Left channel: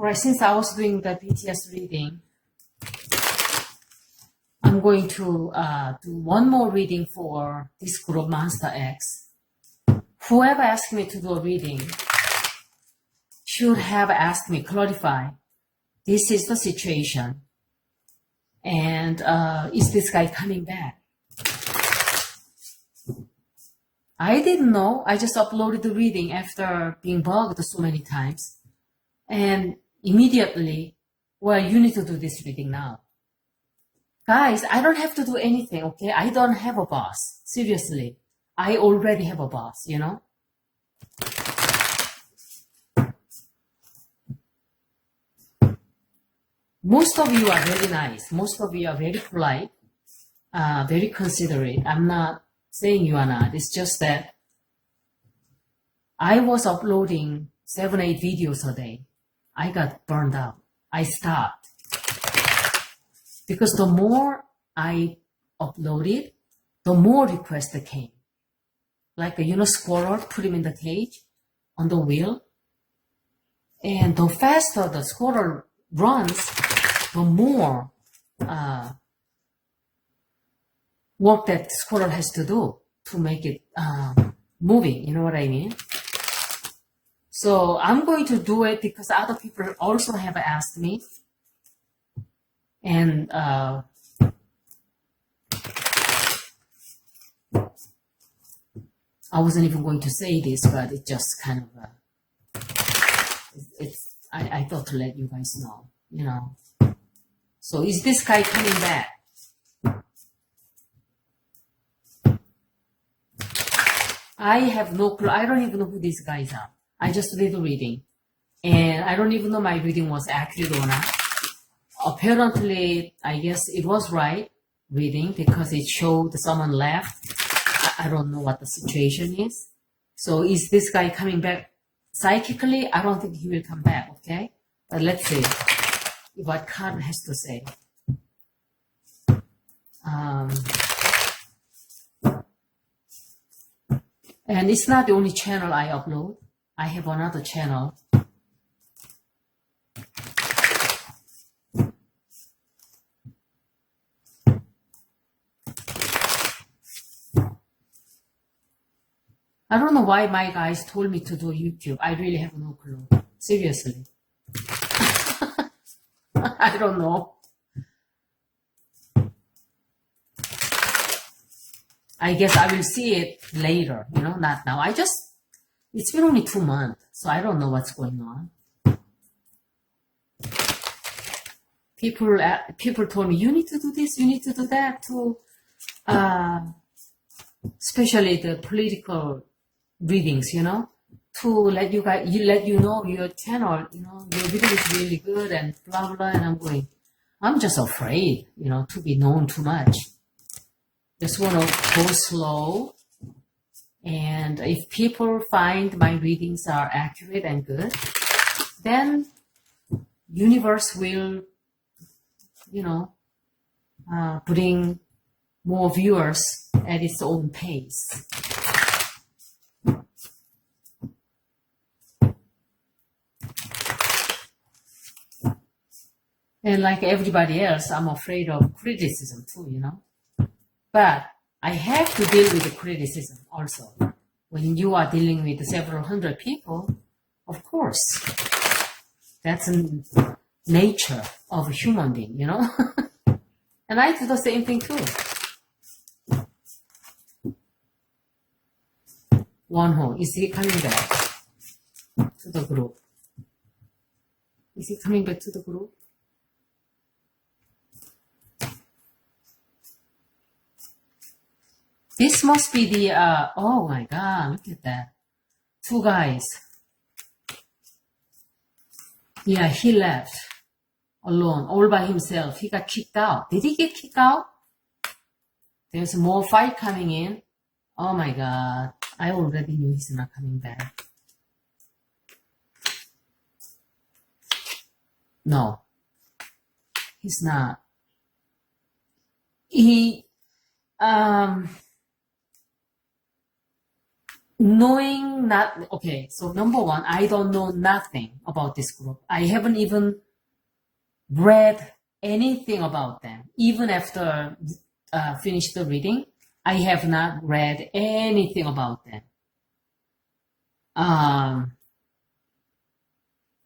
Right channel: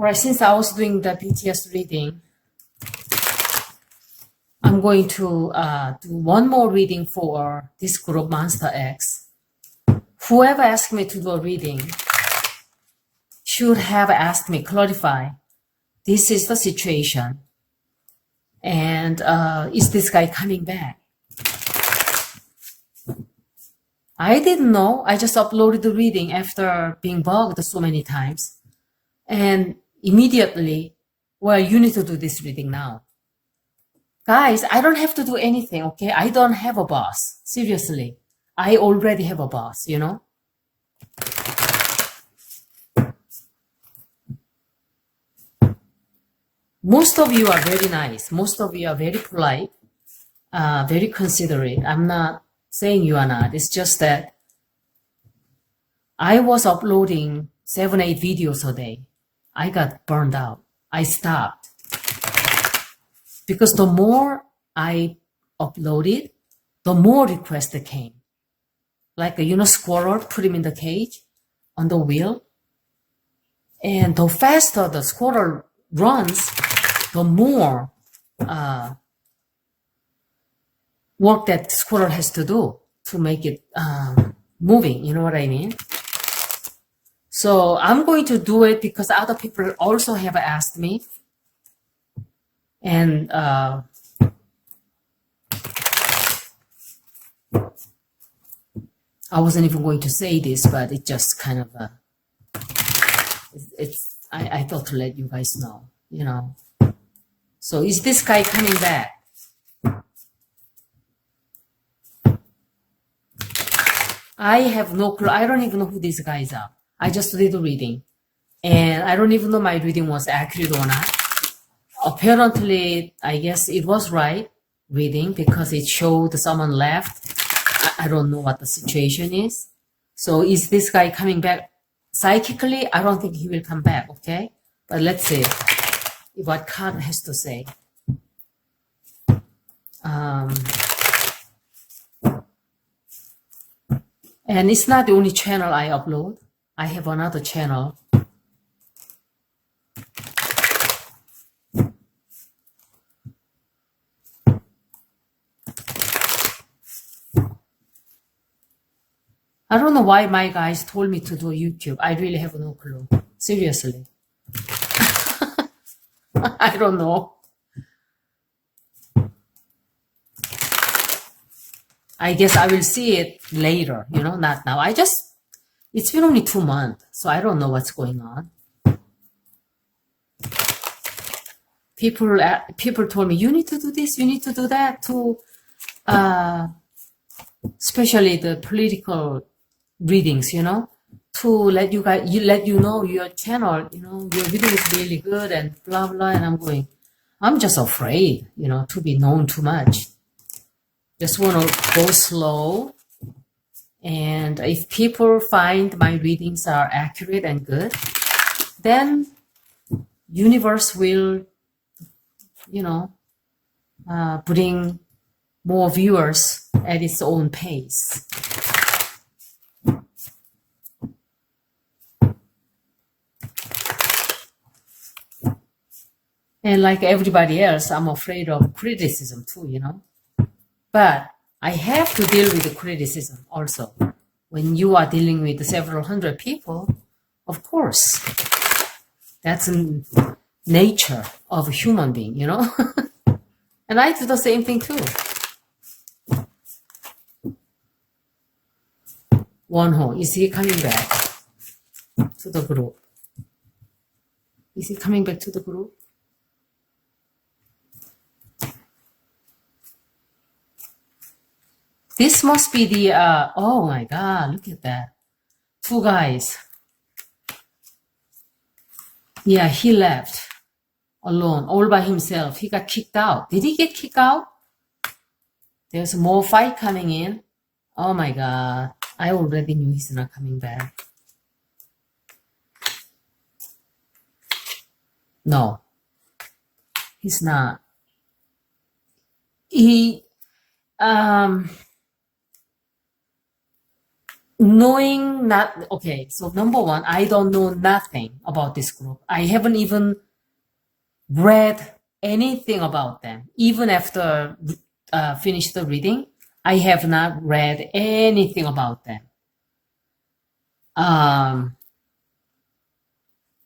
Alright, since I was doing the BTS reading, I'm going to do one more reading for this group Monsta X. Whoever asked me to do a reading should have asked me, clarify, this is the situation. And is this guy coming back? I didn't know. I just uploaded the reading after being bugged so many times. And immediately, well, you need to do this reading now. Guys, I don't have to do anything, okay? I don't have a boss. Seriously. I already have a boss, you know? Most of you are very nice. Most of you are very polite, very considerate. I'm not saying you are not. It's just that I was uploading 7-8 videos a day. I got burned out. I stopped. Because the more I uploaded, the more requests came. Like, you know, squirrel, put him in the cage on the wheel. And the faster the squirrel runs, the more work that squirrel has to do to make it moving. You know what I mean? So I'm going to do it because other people also have asked me. And I wasn't even going to say this, but it just kind of, I thought to let you guys know, you know. So is this guy coming back? I have no clue. I don't even know who these guys are. I just did the reading. And I don't even know my reading was accurate or not. Apparently, I guess it was right reading because it showed someone left. I don't know what the situation is. So is this guy coming back psychically? I don't think he will come back, okay? But let's see what card has to say. And it's not the only channel I upload. I have another channel. I don't know why my guys told me to do YouTube. I really have no clue. Seriously. I don't know. I guess I will see it later, you know, not now. It's been only 2 months, so I don't know what's going on. People told me, you need to do this, you need to do that to, especially the political readings, you know, to let you guys, let you know your channel, you know, your video is really good and blah, blah. And I'm going, I'm just afraid, you know, to be known too much. Just want to go slow. And if people find my readings are accurate and good, then universe will, you know, bring more viewers at its own pace. And like everybody else, I'm afraid of criticism too, you know. But I have to deal with the criticism also. When you are dealing with several hundred people, of course, that's in nature of a human being, you know. And I do the same thing too. Wonho, is he coming back to the group? Is he coming back to the group? This must be the, oh my God, look at that. 2 guys. Yeah, he left alone, all by himself. He got kicked out. Did he get kicked out? There's more fight coming in. Oh my God. I already knew he's not coming back. No, he's not. He, knowing not, okay, so number one, I don't know nothing about this group. I haven't even read anything about them. Even after finish the reading, I have not read anything about them.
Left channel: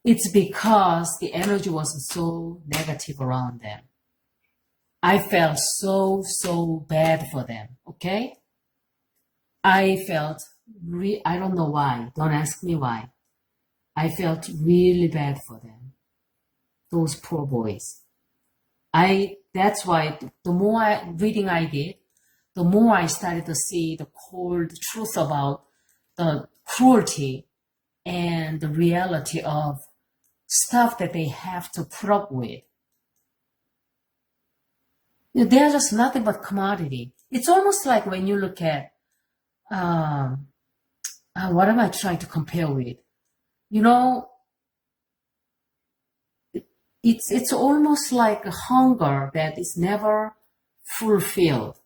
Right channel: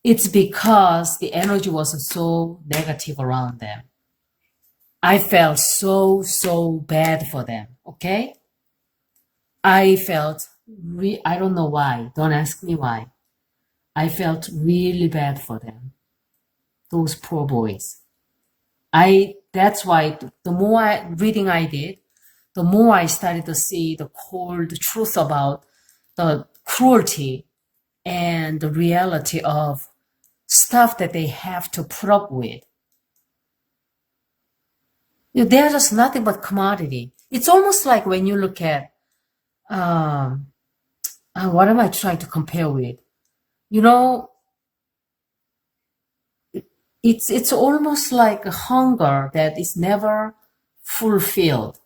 It's because the energy was so negative around them. I felt so bad for them, okay? I felt, I don't know why, don't ask me why. I felt really bad for them, those poor boys. That's why the more reading I did, the more I started to see the cold truth about the cruelty and the reality of stuff that they have to put up with. They're just nothing but commodity. It's almost like when you look at, what am I trying to compare with? It's almost like a hunger that is never fulfilled.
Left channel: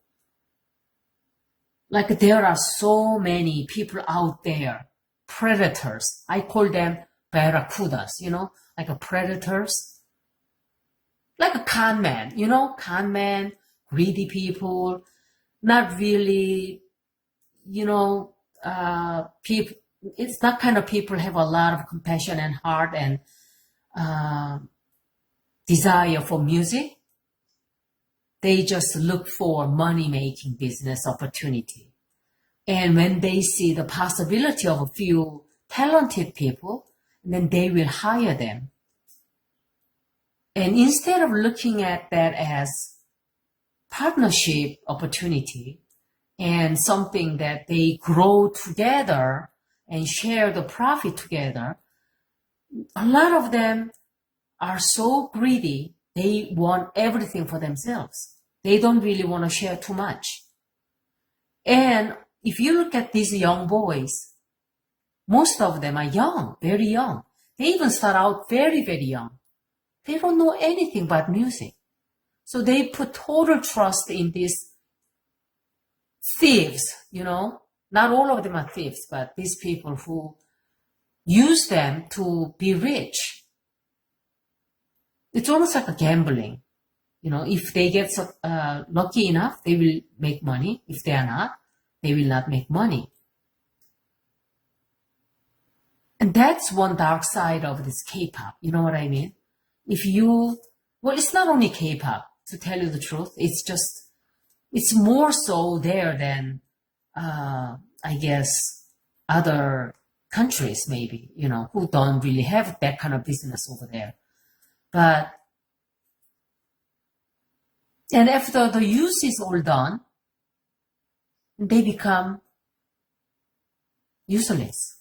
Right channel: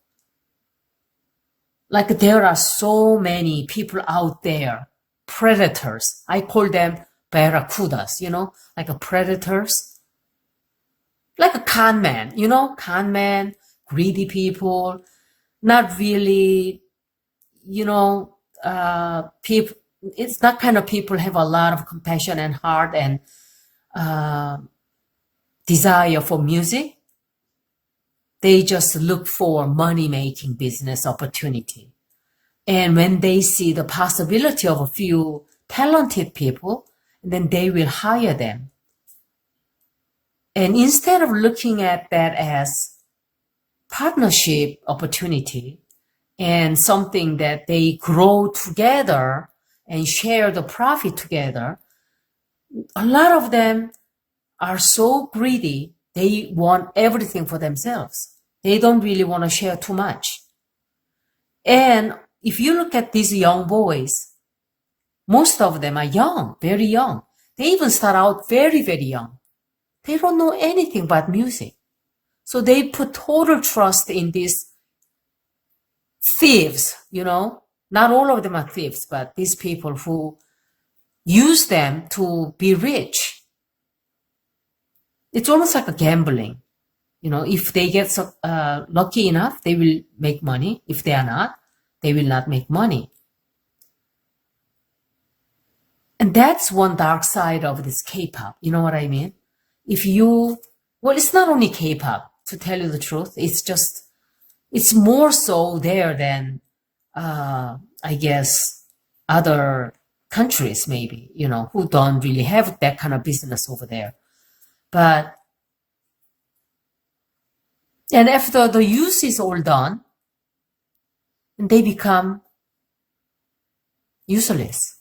Like there are so many people out there, predators. I call them barracudas, like a predators. Like a con man, con man, greedy people, not really, people, it's not kind of people have a lot of compassion and heart and desire for music. They just look for money-making business opportunity. And when they see the possibility of a few talented people, then they will hire them. And instead of looking at that as partnership opportunity and something that they grow together and share the profit together, a lot of them are so greedy, they want everything for themselves. They don't really want to share too much. And if you look at these young boys, most of them are young, very young. They even start out very, very young. They don't know anything about music. So they put total trust in these thieves, Not all of them are thieves, but these people who use them to be rich. It's almost like a gambling. If they get lucky enough, they will make money. If they are not, they will not make money. And that's one dark side of this K-pop. You know what I mean? It's not only K-pop, to tell you the truth. It's more so there than, I guess, other countries maybe, who don't really have that kind of business over there. And after the use is all done, they become useless.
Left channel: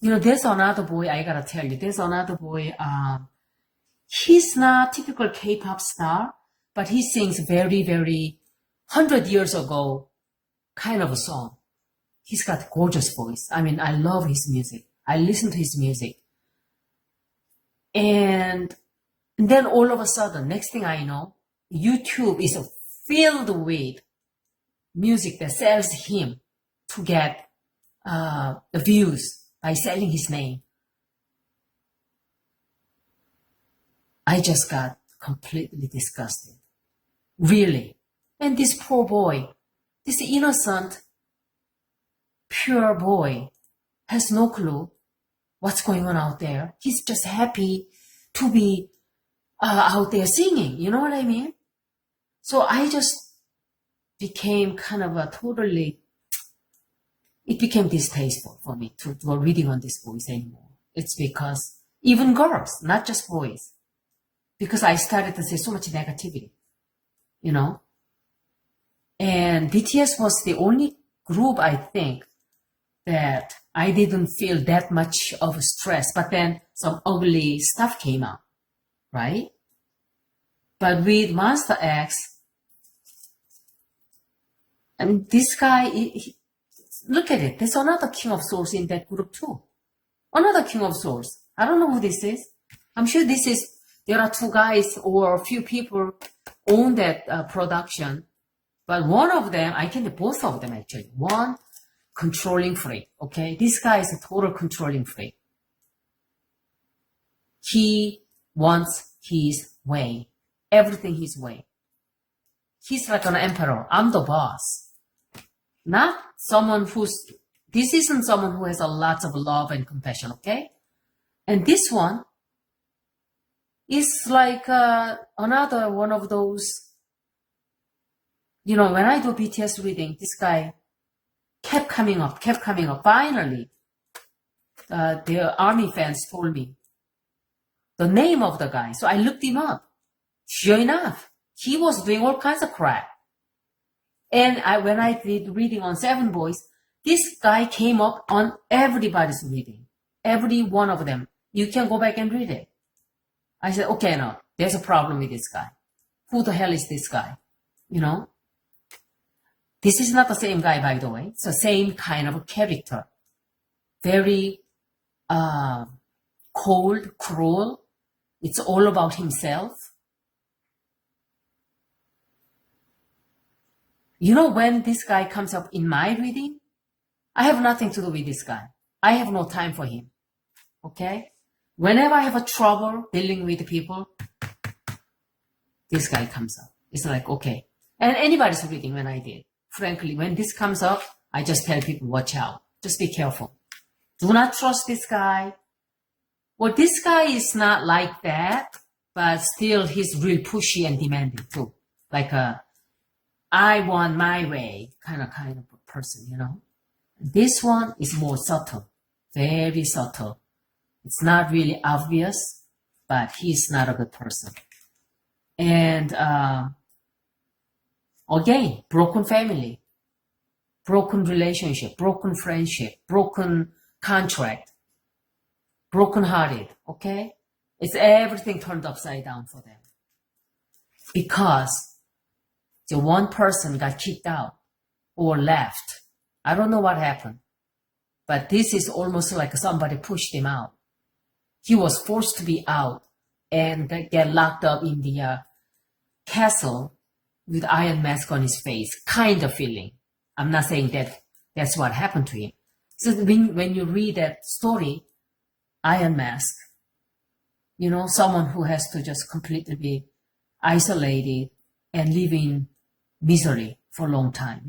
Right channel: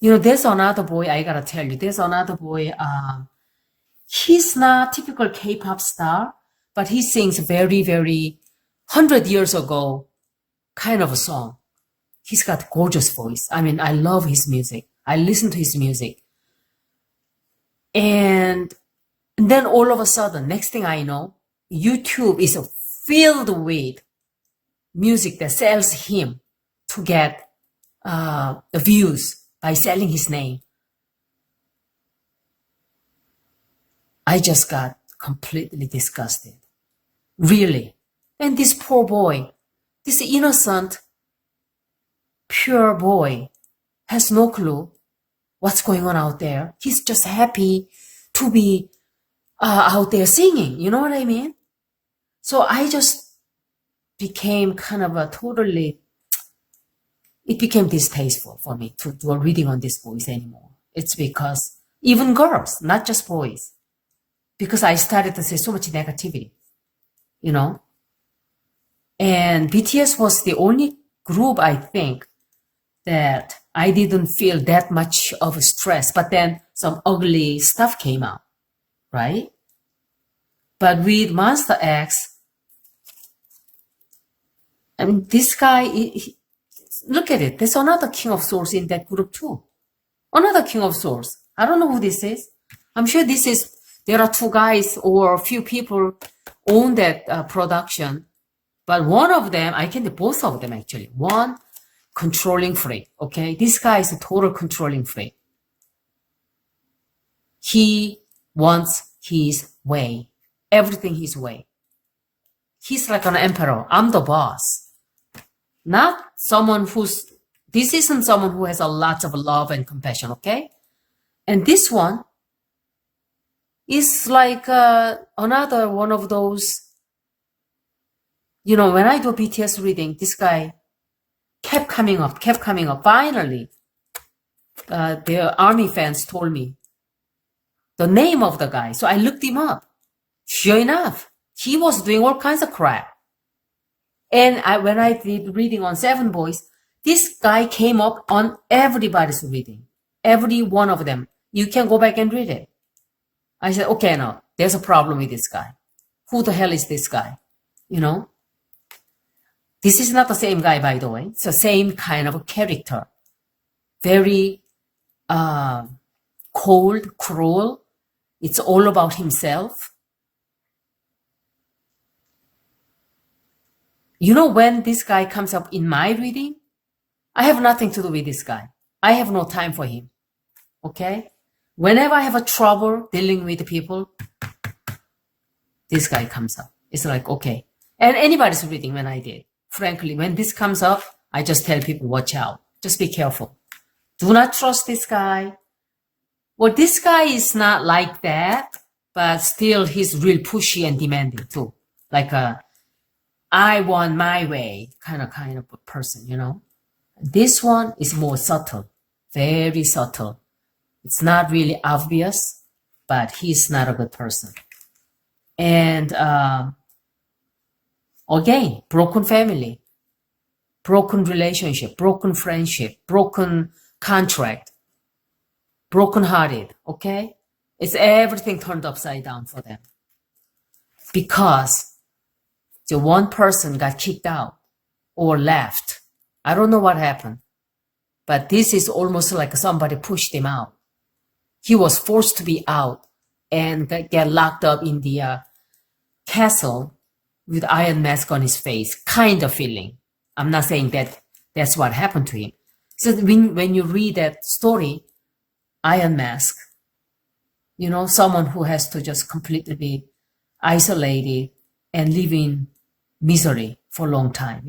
There's another boy, I gotta tell you, there's another boy, he's not typical K-pop star, but he sings very, very 100 years ago kind of a song. He's got gorgeous voice. I mean, I love his music. I listen to his music. And then all of a sudden, next thing I know, YouTube is filled with music that sells him to get views by selling his name. I just got completely disgusted. Really. And this poor boy, this innocent, pure boy, has no clue what's going on out there. He's just happy to be out there singing. You know what I mean? So I just became kind of it became distasteful for me to do a reading on these boys anymore. It's because even girls, not just boys, because I started to see so much negativity, And BTS was the only group, I think, that I didn't feel that much of stress, but then some ugly stuff came out, right? But with Monsta X, I mean, this guy, look at it. There's another King of Swords in that group too. Another King of Swords. I don't know who this is. I'm sure there are two guys or a few people own that production. But one of them, both of them actually. One, controlling freak, okay? This guy is a total controlling freak. He wants his way, everything his way. He's like an emperor. I'm the boss. Not someone this isn't someone who has a lot of love and compassion, okay? And this one is like another one of those, when I do BTS reading, this guy kept coming up. Finally, the army fans told me the name of the guy. So I looked him up. Sure enough, he was doing all kinds of crap. And when I did reading on Seven Boys, this guy came up on everybody's reading. Every one of them. You can go back and read it. I said, okay, no, there's a problem with this guy. Who the hell is this guy? This is not the same guy, by the way. It's the same kind of a character. Very cold, cruel. It's all about himself. When this guy comes up in my reading, I have nothing to do with this guy. I have no time for him. Okay? Whenever I have a trouble dealing with people, this guy comes up. It's like, okay. And anybody's reading when I did. Frankly, when this comes up, I just tell people, watch out. Just be careful. Do not trust this guy. Well, this guy is not like that, but still he's real pushy and demanding too. Like I want my way kind of a person, This one is more subtle, very subtle. It's not really obvious, but he's not a good person. And again, broken family, broken relationship, broken friendship, broken contract, broken-hearted, okay? It's everything turned upside down for them. Because the one person got kicked out or left. I don't know what happened. But this is almost like somebody pushed him out. He was forced to be out and get locked up in the castle with iron mask on his face, kind of feeling. I'm not saying that that's what happened to him. So when you read that story, Iron Mask, someone who has to just completely be isolated and live in misery for a long time,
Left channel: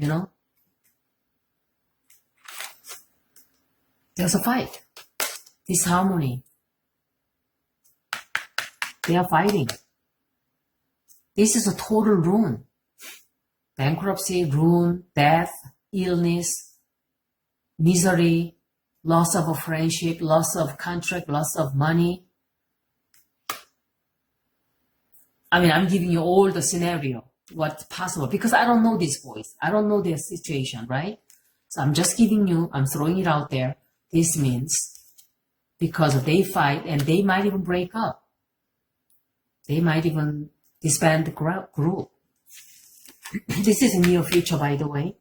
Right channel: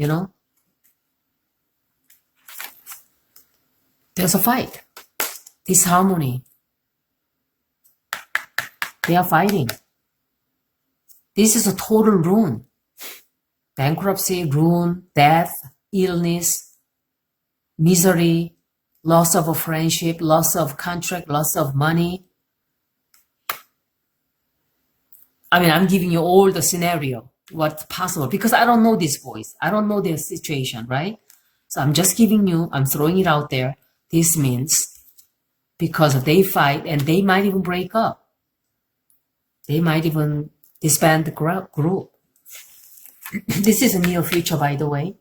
There's a fight. Disharmony. They are fighting. This is a total ruin. Bankruptcy, ruin, death, illness, misery, loss of a friendship, loss of contract, loss of money. I'm giving you all the scenario, what's possible, because I don't know these boys. I don't know their situation, right? So I'm just I'm throwing it out there. This means because they fight and they might even break up. They might even disband the group. This is a near future, by the way.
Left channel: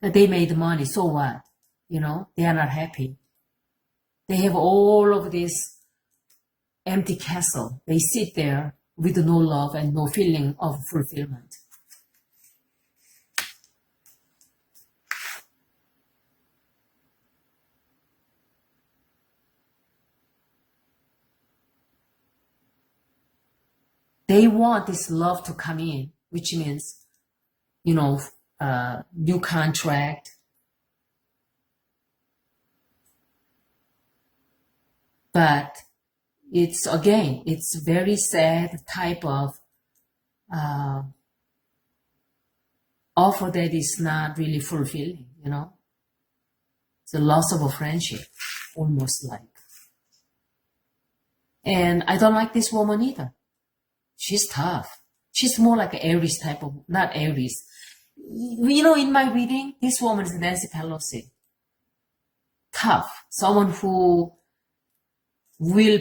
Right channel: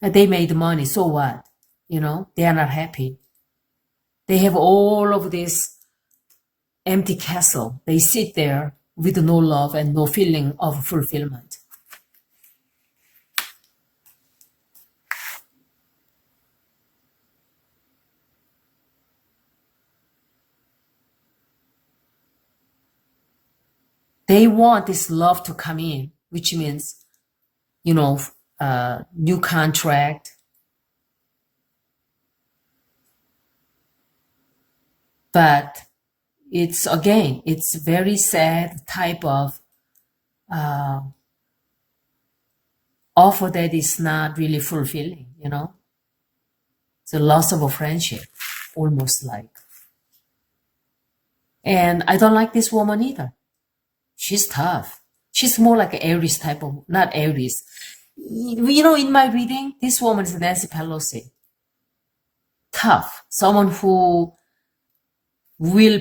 They made money, so what? They are not happy. They have all of this empty castle. They sit there with no love and no feeling of fulfillment. They want this love to come in, which means, new contract. But it's very sad type of offer that is not really fulfilling, It's a loss of a friendship, almost like. And I don't like this woman either. She's tough. She's more like an Aries type of, not Aries. In my reading, this woman is Nancy Pelosi. Tough. Someone who will,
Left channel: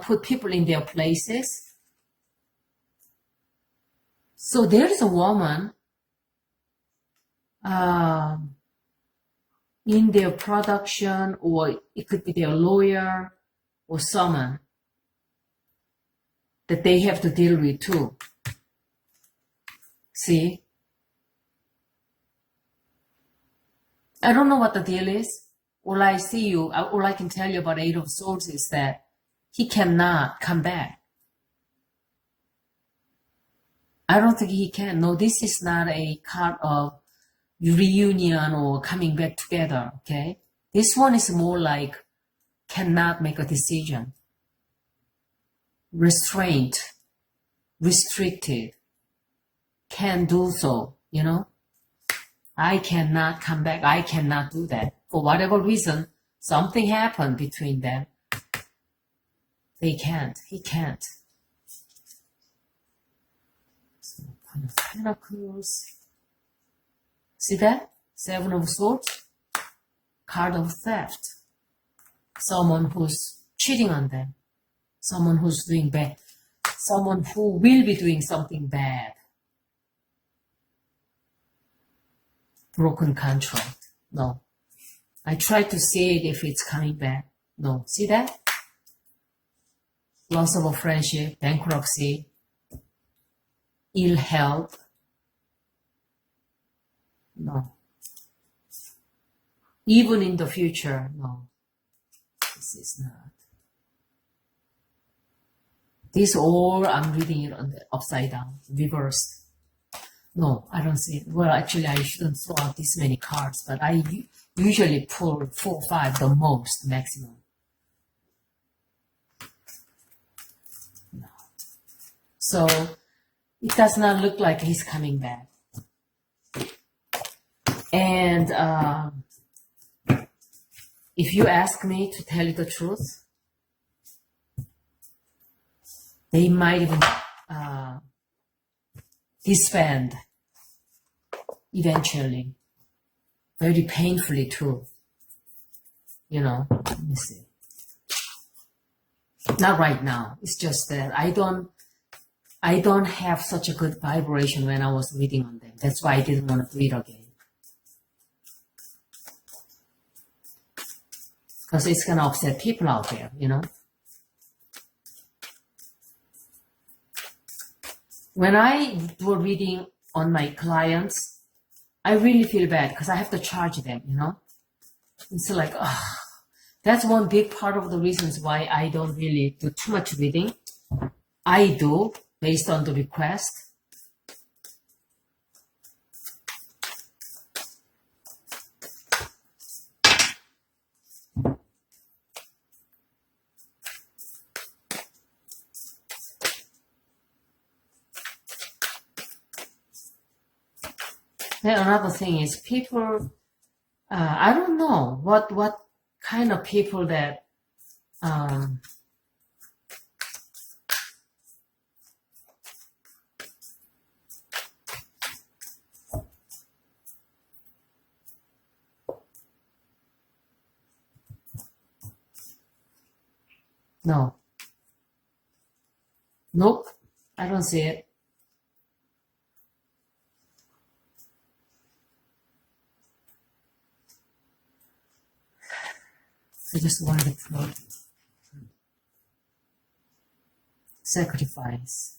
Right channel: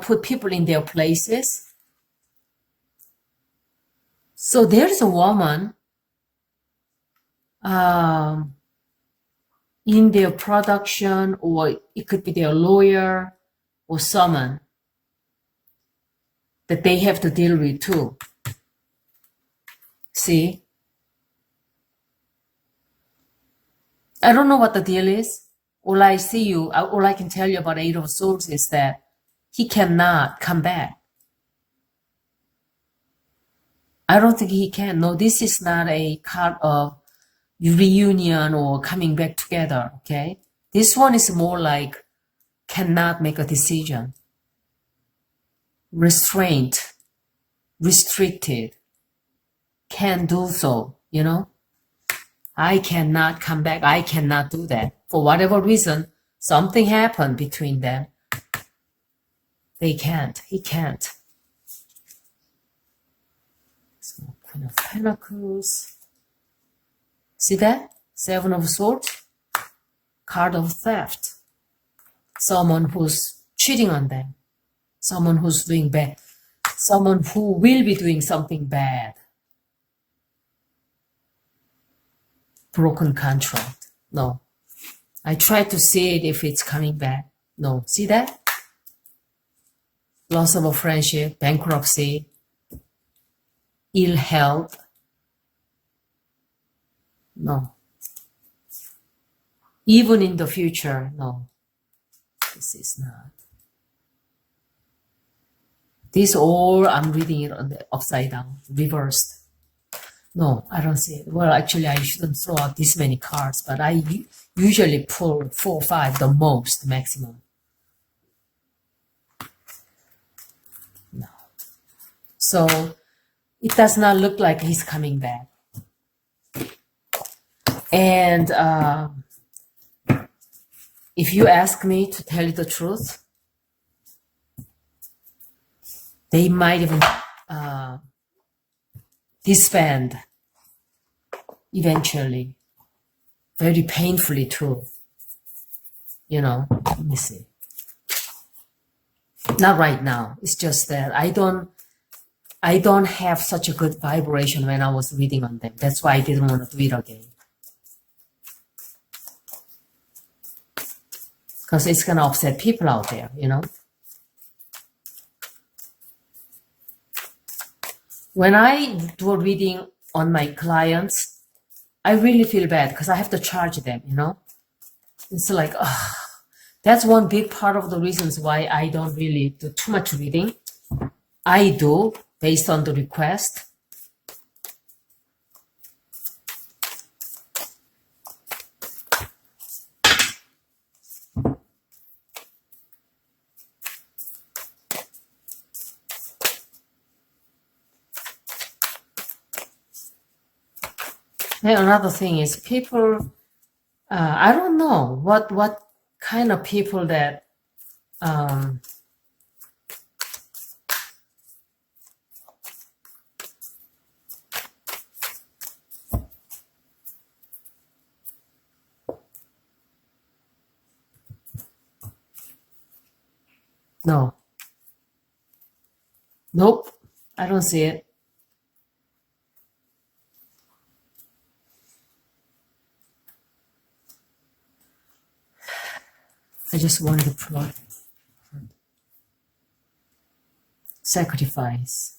put people in their places. So there is a woman in their production, or it could be their lawyer or someone that they have to deal with too. See? I don't know what the deal is. All I can tell you about Eight of Swords is that he cannot come back. I don't think he can. No, this is not a card of reunion or coming back together, okay? This one is more like cannot make a decision. Restraint, restricted, can't do so, you know? I cannot come back. I cannot do that. For whatever reason, something happened between them. They can't. He can't. So, Queen of Pentacles. See that? Seven of Swords. Card of theft. Someone who's cheating on them. Someone who's doing bad. Someone who will be doing something bad. Broken contract. No. I try to see it if it's coming back. No. See that? Loss of a friendship, bankruptcy, ill health. No. Even in the future, no. This is not. This all, I'm reading it on the upside down, reversed. No, I don't see it. Well, actually, I shouldn't throw out this many cards, but I usually pull 4 or 5, the most, maximum. No. So, it does not look like he's coming back. And if you ask me to tell you the truth, they might even disband eventually, very painfully too. You know, let me see. Not right now. It's just that I don't have such a good vibration when I was reading on them. That's why I didn't want to do it again. Because it's gonna upset people out there, you know. When I do a reading on my clients, I really feel bad because I have to charge them, you know. It's like, that's one big part of the reasons why I don't really do too much reading. I do based on the request. And another thing is people, I don't know what kind of people that no. Nope, I don't see it. I just wanted to promote sacrifice.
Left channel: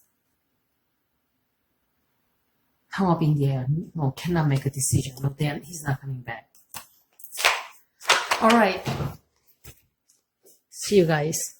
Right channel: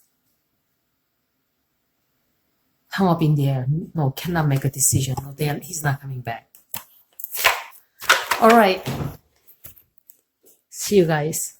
Hung up in the air. No, cannot make a decision. No, he's not coming back. All right. See you guys.